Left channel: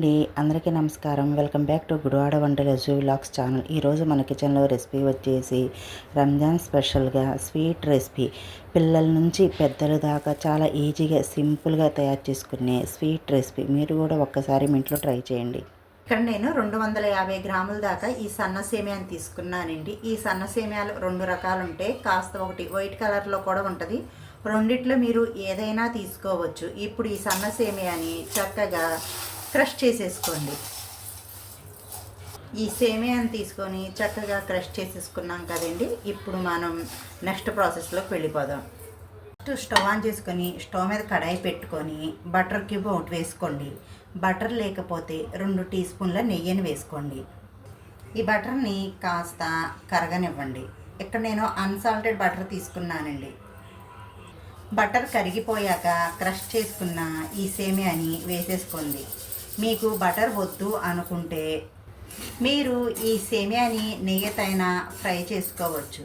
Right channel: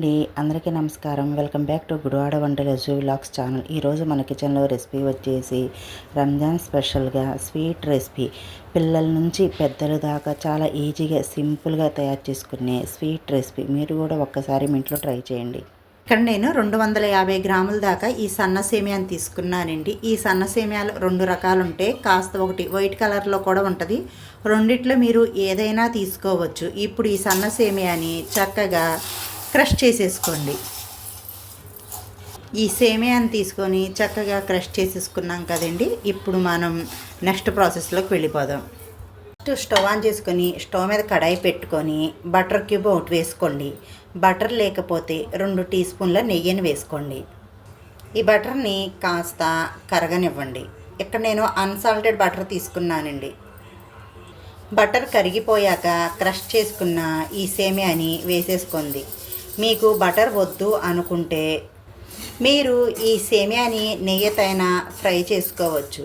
అండి అందరికీ నమస్కారం. వెల్కమ్ బ్యాక్ టు గుడివాడ వంటల జూ వ్లాగ్స్ ఛానల్. ఈరోజు మన కిచెన్లో రెసిపీ వచ్చేసి రంజాన్ స్పెషల్గా స్వీట్ రెసిపీ. పిల్లల నుంచి పెద్దల దాకా చాలా ఈజీగా సింపుల్గా తయారు చేసుకునే స్వీట్ రెసిపీ. మీరు కూడా ఒక్కసారి మీ ఇంట్లో ట్రై చేయండి. ఇక్కడ నేను రెండు వందల యాభై గ్రాముల దాకా ఈ సన్న సేమియాని తీసుకున్నానండి. ఈ సన్న సేమియాలు రెండు రకాలు ఉంటాయి కాస్త ఒకటి వైట్ కలర్లో కూడా ఉంటుంది. రెండిట్లో మీరు ఏదైనా తీసుకోవచ్చు. ఇప్పుడు ఈ సన్న సేమియాని చక్కగా క్రష్ చేసేసుకోండి. ఈ సేమియాని తీసుకొని చక్కగా క్రష్ చేసేసుకున్నాం కదండి. ఇప్పుడు మనం నెక్స్ట్ ప్రాసెస్లోకి వెళ్ళిపోదాం. ఫస్ట్ స్టవ్ ఆన్ చేసుకొని స్టవ్ మీద కడాయి పెట్టుకొని బటర్ క్యూబ్ ఒకటి వేసుకోండి. బటర్ లేకపోతే రెండు టీ స్పూన్ల నెయ్యిని వేసుకోండి. ఈ బటర్ని కాస్త కరగనివ్వండి. ఇక్కడ నేను అన్సాల్టెడ్ బటర్ తీసుకున్నానండి. బటర్ కరిగిపోయాక క్రష్ చేసుకున్న ఈ సేమియాని వేసేసుకోండి. మీకు బటర్ వద్దు అనుకుంటే మీరు ఈ సేమియాని నెయ్యితైనా ఫ్రై చేసుకోవచ్చు.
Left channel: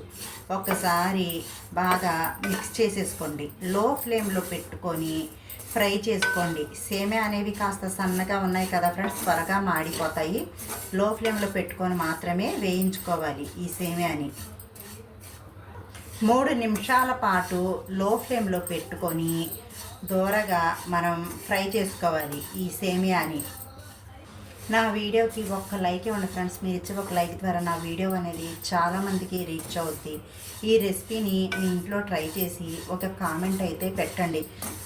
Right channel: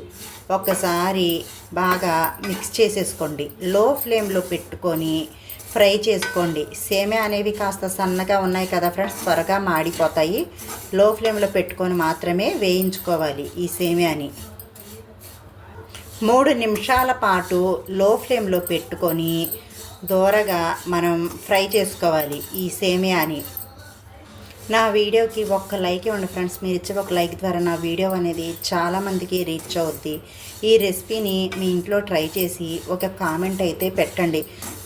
ఒకసారి బాగా మిక్స్ చేసేసుకోండి. లో ఫ్లేమ్లో పెట్టుకొని ఫ్రై చేసుకోండి. సేమియా అనేవి కాస్త సన్నగా ఉన్నాయి కదా ఫ్రెండ్స్ త్వరగా మాడిపోతాయి. లో ఫ్లేమ్లో పెట్టుకొని మాత్రమే వేయించుకోవాలి ఈ సేమియాని. మూడు నిమిషాల పాటు లో ఫ్లేమ్లో పెట్టుకొని దూరగా మనం ఫ్రై చేసుకోవాలి ఈ సేమియాని. నా వీడియోకి ఒక్క లైక్ ఇవ్వండి ఫ్రెండ్స్ మీరు ఇచ్చే ఒక లైక్ ద్వారా నా వీడియో అనేది చాలామందికి రీచ్ అవుద్ది. ఈ రెసిపీని మీ ఇంట్లో ట్రై చేసి ఒక కామెంట్ అయితే పెట్టండి.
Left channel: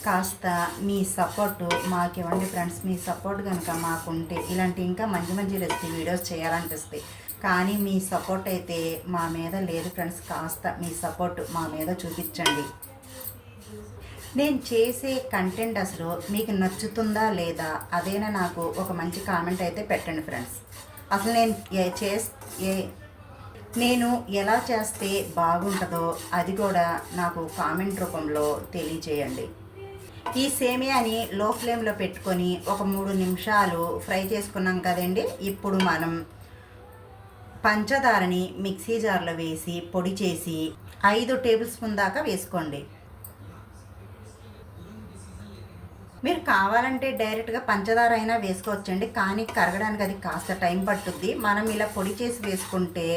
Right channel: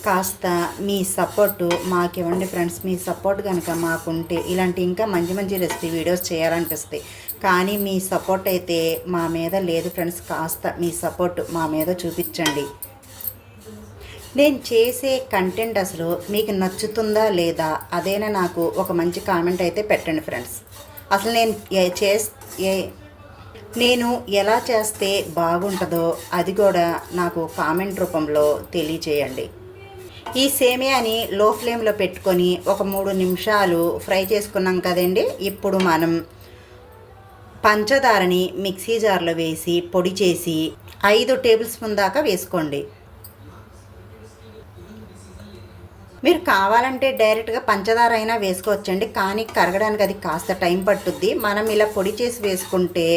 కాస్త మీ సపోర్టు మాకు ఇవ్వండి ఫ్రెండ్స్ మీ సపోర్ట్ కనుక మాకుంటే ఇలాంటి ఇంకా మంచి మంచి రెసిపీ వీడియోస్ చేయాలనిపిస్తాయి. కానీ మీ సపోర్ట్ అయితే మా మీద లేదు ఫ్రెండ్స్ కాస్త మీ సపోర్ట్ మా మీద చూపించండి. నేను చేసే కంటెంట్ అసలు మీకు నచ్చుతుందా లేదా అదేనా నాకు ఒక మంచి కామెంట్ అయితే పెట్టండి ఫ్రెండ్స్ అసలు నేను ఏ- ఏ నేను ఎలా చేస్తే బాగుంటుందో అది కూడా నాకు కామెంట్ రూపంలో తెలియచేయండి. ఈ సేమియాని లో ఫ్లేమ్లో పెట్టుకొని ఒక మూడు నిమిషాలు ఫ్రై చేసుకున్నాం కదండి. ఇప్పుడు మనం పంచదారని మిక్సీ జార్లో వేసి పొడి చేసి ఐదు టేబుల్ స్పూన్ దాకా వేసుకోండి. మీరు కావాలంటే డైరెక్ట్గా పంచదార అయినా వేసుకోవచ్చండి. కానీ కరగడానికి అది కాస్త టైం పట్టుద్ది. మనం ఇలా పొడి చేసి వేసుకుంటే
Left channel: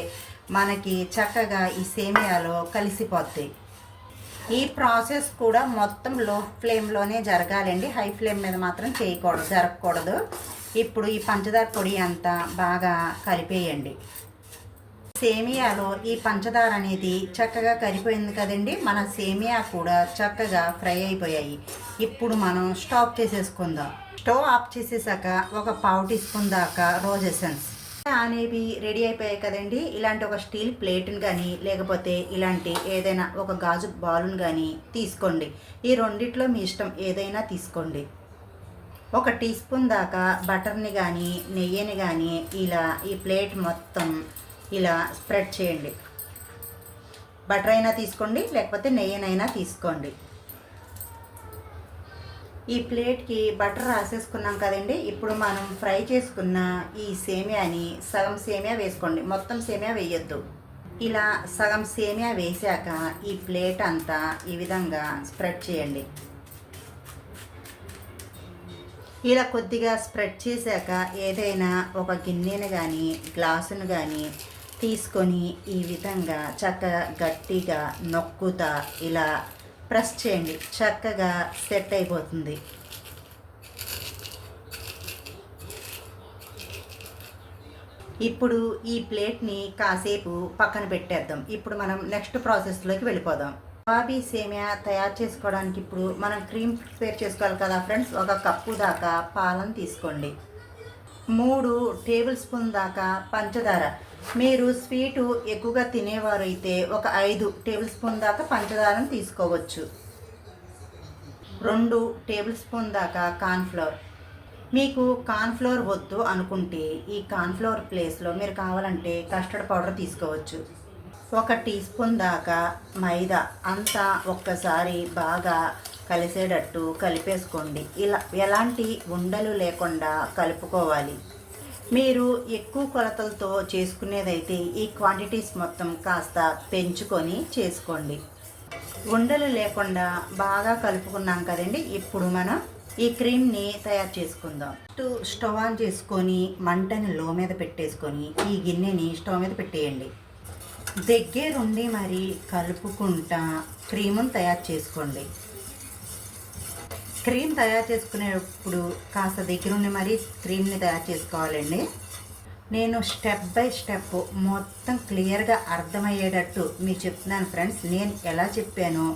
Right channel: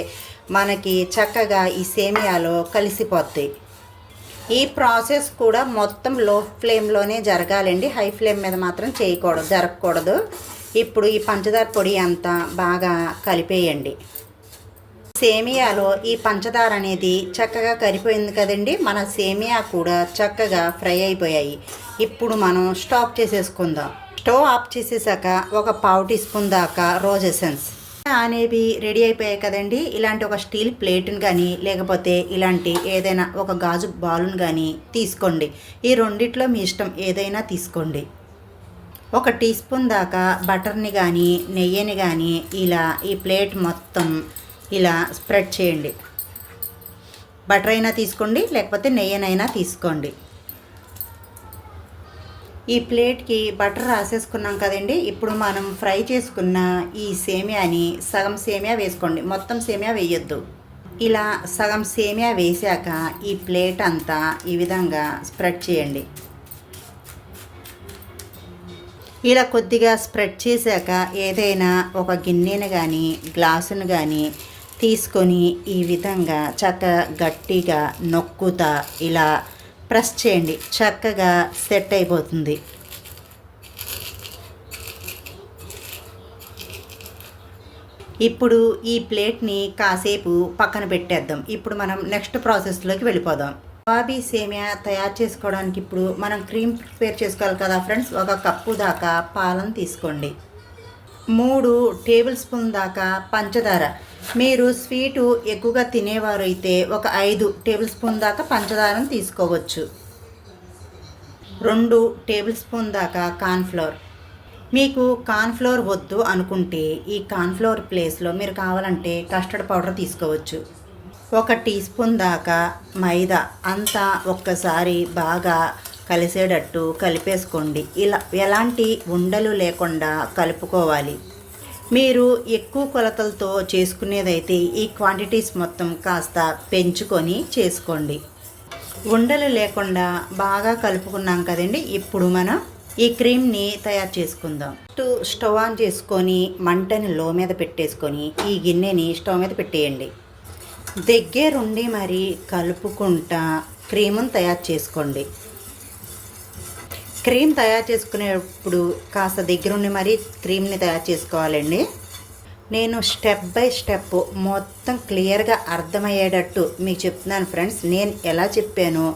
మనకి చక్కగా ఈ సేమియాలో కలిసిపోతాయి. ఈ ప్రాసెస్ కూడా మొత్తం లో ఫ్లేమ్లోనే జరగాలండి. హై ఫ్లేమ్ మీద మాత్రం చేయకూడదు జరగకూడదు ఇప్పుడు ఈ పంచదార పొడి అంతా బాగా కలిపేయండి. సేమియాలో ఈ పంచదార అనేది చక్కగా కరిపోయింది కదండి. మన సేమియా కూడా చక్కగా ఫ్రై అయిపోయాయి. ఇప్పుడు మనం స్టాప్ చేసేసుకుందాం. స్టవ్ ఆఫ్ చేసేసాక ఒక పావు టీ స్పూన్ దాకా రోజ్ ఎసెన్స్. అనేవి రెడీ అయిపోయాయి కదండి. ఇలాంటి ఒక స్టీల్ ప్లేట్ని కానీ లేకపోతే ఇలాంటి ఏదైనా ఒక గాజు బాల్ని కానీ తీసుకోండి. ఈ రెండిట్లో మీ ఇష్టం ఏదైనా తీసుకోండి. ఒక టీ స్పూన్ దాకా బటర్ని కానీ నెయ్యిని కానీ ఇలా ఈ ప్లేట్ మొత్తం ఇలా స్ప్రెడ్ చేయండి. బటర్ అయినా తీసుకోండి లేకపోతే నెయ్యినైనా తీసుకోండి. ఈ ప్లేట్కి బటర్ రాసేసుకున్నాం కదండి. ఇప్పుడు మనం ఫ్రై చేసుకున్న ఈ సేమియాని సగం సేమియా వేసుకోండి. మొత్తం సేమియా వేయొద్దు. ఇలా సగం సేమియా వేసాక ఈ ప్లేట్ అంతా ఈ విధంగా స్ప్రెడ్ చేయండి. ఇలా కొద్దిగా స్ప్రెడ్ చేశాక ఏదైనా ఒక గిన్నెను కానీ గ్లాసును కానీ తీసుకొని ఈ విధంగా చక్కగా గట్టిగా నొక్కుతా ఇలా ప్రెస్ చేయండి. చక్కగా సెట్ అయిపోతుంది. ఇప్పుడు ఈ ప్లేట్ని కాసేపు పక్కన పెట్టేద్దాం. ఇప్పుడు మనం నెక్స్ట్ ప్రాసెస్లోకి వెళ్ళిపోదాం. బాబీ సేమియా తయారు చేసుకోవడానికి ఇప్పుడు మనం క్రీమ్ ప్రిపేర్ చేసుకోవాలి కదా ఫ్రెండ్స్? ఒక కప్పు దాకా పాలను తీసుకోండి. మూడు టేబుల్ స్పూన్ దాకా పంచదార. మీరు స్వీటు ఎక్కువగా తినేవారు అయితే ఒక ఐదు టేబుల్ స్పూన్ దాకా పంచదారను తీసుకోవచ్చు. రెండు టేబుల్ స్పూన్ దాకా కార్న్ఫ్లవర్ మీకు కార్న్ఫ్లవర్ వద్దు అనుకుంటే ఈ కార్న్ఫ్లవర్ ప్లేస్లో మీరు కావాలంటే కస్టర్డ్ పౌడర్ తీసుకోవచ్చు. ఒక టీ స్పూన్ దాకా మైదా. అంతా ఒక్కసారి బాగా కలిసేటట్టు కలిపేసుకోండి. ఇలా ఎలాంటి ఉండలు లేకుండా కలుపుకోవాలి. మీరు ఎక్కువ కొలతలతో చేసుకునేదైతే ఈ క్వాంటిటీస్ మొత్తం కాస్త పెంచుకొని చేసుకోండి. ఉండలు లేకుండా బాగా కలుపుకున్నాం కదండి ఇప్పుడు మనం ఈ క్రీమ్ని తయారు చేసుకుందాం. ఫస్ట్ స్టవ్ ఆన్ చేసుకొని మంటని లో మీద పెట్టేసుకొని ఈ గిన్నెని స్టవ్ మీద పెట్టేయండి. దగ్గరుండి మరి కలుపుకుంటా క్రీమును తయారు చేసుకోండి. క్రీమ్ తయారు చేసుకునేటప్పుడు కాస్త దగ్గరుండి మరి క్రీమ్ని తయారు చేసుకోవాలండి. నేను స్టెప్ బై స్టెప్ మొత్తం క్లియర్గా అర్థమయ్యేటట్టు మీకు చెప్తున్నాను ఫ్రెండ్స్. నేను ఎలా చెప్పానో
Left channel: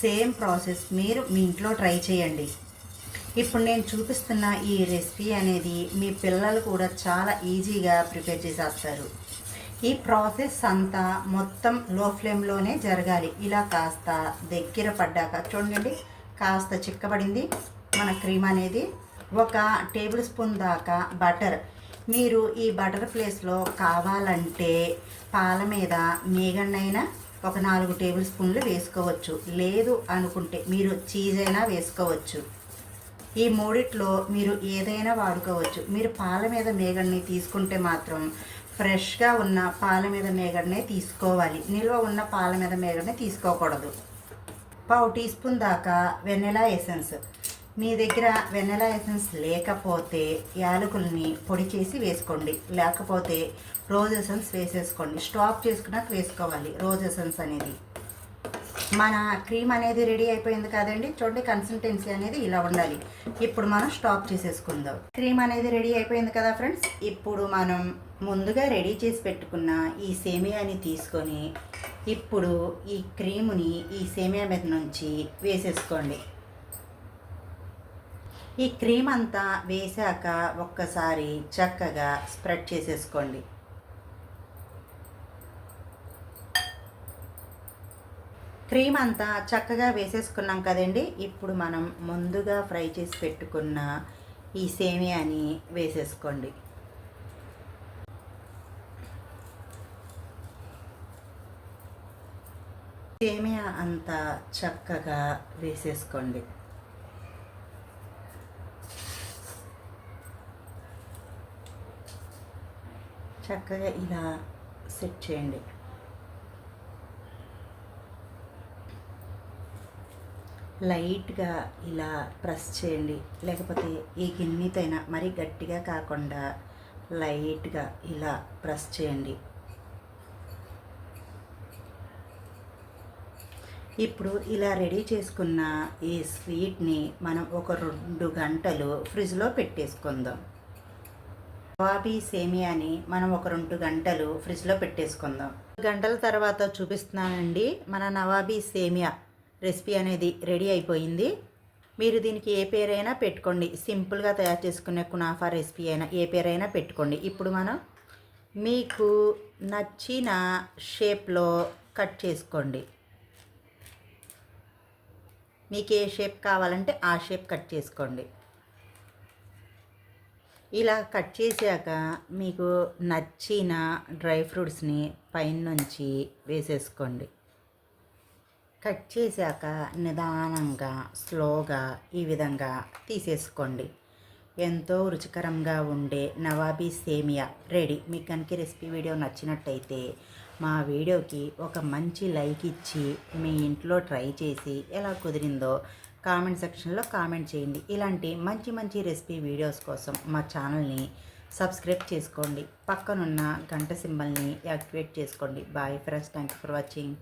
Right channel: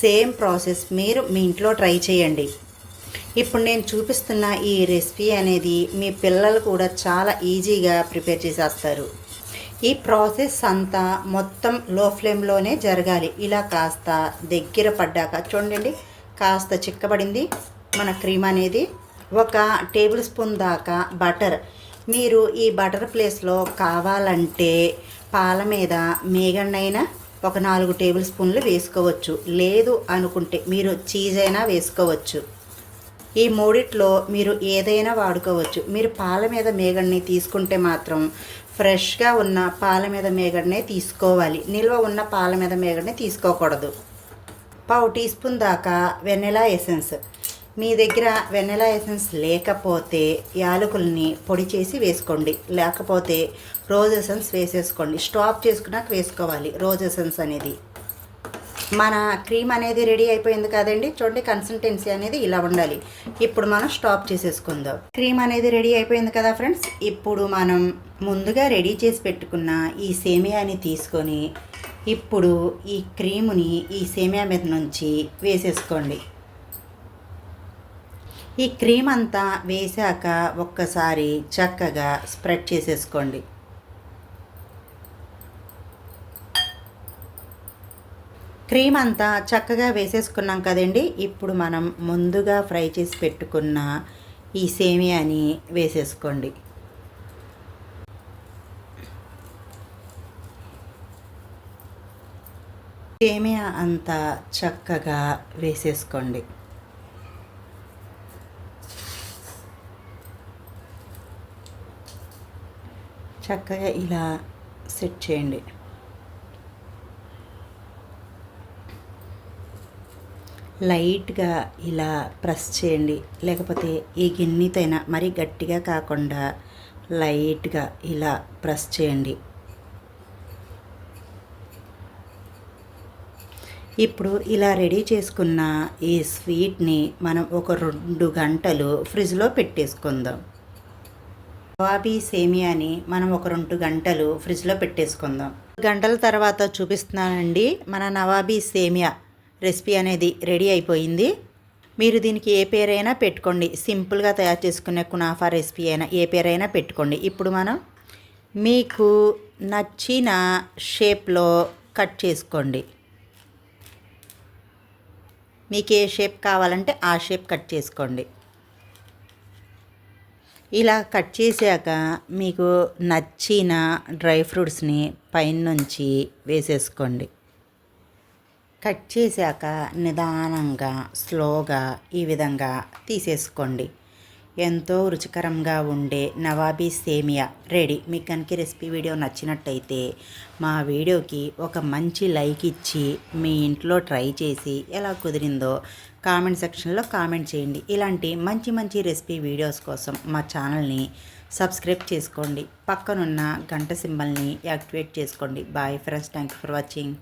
సేమ్ ప్రాసెస్ మీరు మీ ఇంట్లో ట్రై చేయండి. ఇప్పుడు నేను చూపిస్తున్న ఈ రెసిపీ అనేది మీ పిల్లలు కూడా చాలా ఈజీగా ప్రిపేర్ చేసేస్తారు. ఈ ప్రాసెస్ అంతా మొత్తం లో ఫ్లేమ్లోనే జరగాలి. ఇలా కాస్త దగ్గర పడ్డాక చూడండి. కాస్త చిక్కబడింది మన క్రీమ్ అనేది. ఒక టేబుల్ స్పూన్ దాకా బటర్. మీరు ఈ బటర్ ప్లేస్లో కావాలంటే పాల మీద మేగన్నైనా ఒక నాలుగు టేబుల్ స్పూన్లు వేసుకోవచ్చు. లేదు అనుకుంటే మీరు చీజ్ అయినా వేసుకోవచ్చు. ఈ మూడిట్లో మీరు ఏదైనా వాడుకోవచ్చు. మీరు పాల మీద మేగడ్ని తీసుకుంటే మాత్రం ఫ్రెష్గా ఉన్న పాల మీద మేగడ్నే తీసుకోవాలి. నిల్వ ఉన్న పాల మీద మేగడ్ని తీసుకోకూడదు. పావు టీ స్పూన్ దాకా వెన్నెలా ఎసెన్స్. మీ దగ్గర వెన్నెలా ఎసెన్స్ లేకపోతే యాలకుల్ని పొడి చేసి వేసుకోండి. లేకపోతే రోజ్ ఎసెన్స్ వేసేసుకోండి. స్టాప్ చేసుకున్నాక వేసుకోవాలి రోజ్ ఎసెన్స్ అనేది. మన క్రీమ్ అనేది రెడీ అయిపోయింది కదండి. చూడండి కన్సిస్టెన్సీ అనేది ఇలా ఉండాలి. ఇప్పుడు మనం స్టాప్ చేసేసుకుందాం. క్రీమ్ అనేది రెడీ అయిపోయింది కదా ఫ్రెండ్స్. ఇప్పుడు మనం ముందుగా రెడీ చేసి పెట్టుకున్న ఈ సేమియాని తీసుకొని ఇప్పుడు ఈ క్రీముని ఈ సేమియా మీద నుంచి వేసేసుకోండి. ఈ క్రీమ్ అంతా వేశాక ఒక్కసారి చక్కగా స్ప్రెడ్ చేసేసుకోండి. క్రీమ్ అంతా చక్కగా వేసేసుకున్నాం కదండి. ఇప్పుడు మనం ముందుగా ఫ్రై చేసి పెట్టుకున్న ఈ సేమియాని వేసేసుకోండి. సేమియా అంతా చక్కగా వేసేసుకోండి. చక్కగా ఇలా సెట్ చేయండి. లైట్గా ఇలా ప్రెస్ చేయండి. లేకపోతే ఈ గిన్నెతైనా మరీ గట్టిగా కాకుండా లైట్గా ఇలా ప్రెస్ చేయండి. ఇప్పుడు ఇలా రెడీ చేసుకున్న ఈ స్వీట్ని మనం ఒక రెండు గంటలు ఫ్రిడ్జ్లో పెట్టేసుకుందాం. నవాబీ సేమియాని మనం ఒక రెండు గంటలు ఫ్రిడ్జ్లో పెట్టేసుకుందాం. గంటల తర్వాత చూపిస్తున్నానండి మన నవాబీ సేమియా రెసిపీ అనేది రెడీ అయిపోయింది. మీరు దీనికి ఏ పేరైనా పెట్టుకోండి సింపుల్గా తయారు చేసుకునే కునాఫా రెసిపీ అయినా ఏ పేరైనా పెట్టుకోండి. ఇప్పుడు మనం మీకు నచ్చిన షేప్లో కట్ చేసుకోండి. మీకు ఏ షేప్ కావాలంటే ఆ షేప్ కట్ చేసుకోండి. ఇలా కట్ చేశాక మీకు నచ్చిన డ్రై ఫ్రూట్స్ని పైనుంచి వేసేసుకోండి. కట్ చేశాక నిదానంగా స్లోగా ఈ విధంగా తీసేసుకోండి. ఎంతో రుచికరంగా ఉండే నవాబీ సేమియా. రెడీ. మీకు కనుక రెసిపీ వీడియో నచ్చినట్టయితే మా వీడియోకి ఒక మంచి లైక్ ఇచ్చి మీ ఇంట్లో ట్రై చేసి ఎలా కుదిరిందో కామెంట్ సెక్షన్లో కామెంట్ చేయండి. ఇలాంటి మంచి మంచి రెసిపీ వీడియోస్ కోసం మా ఛానల్ని సబ్స్క్రైబ్ చేసుకోండి. పక్కనున్న గంట సింబల్ని యాక్టివేట్ చేసుకోండి. Bye friends. Thank you for watching.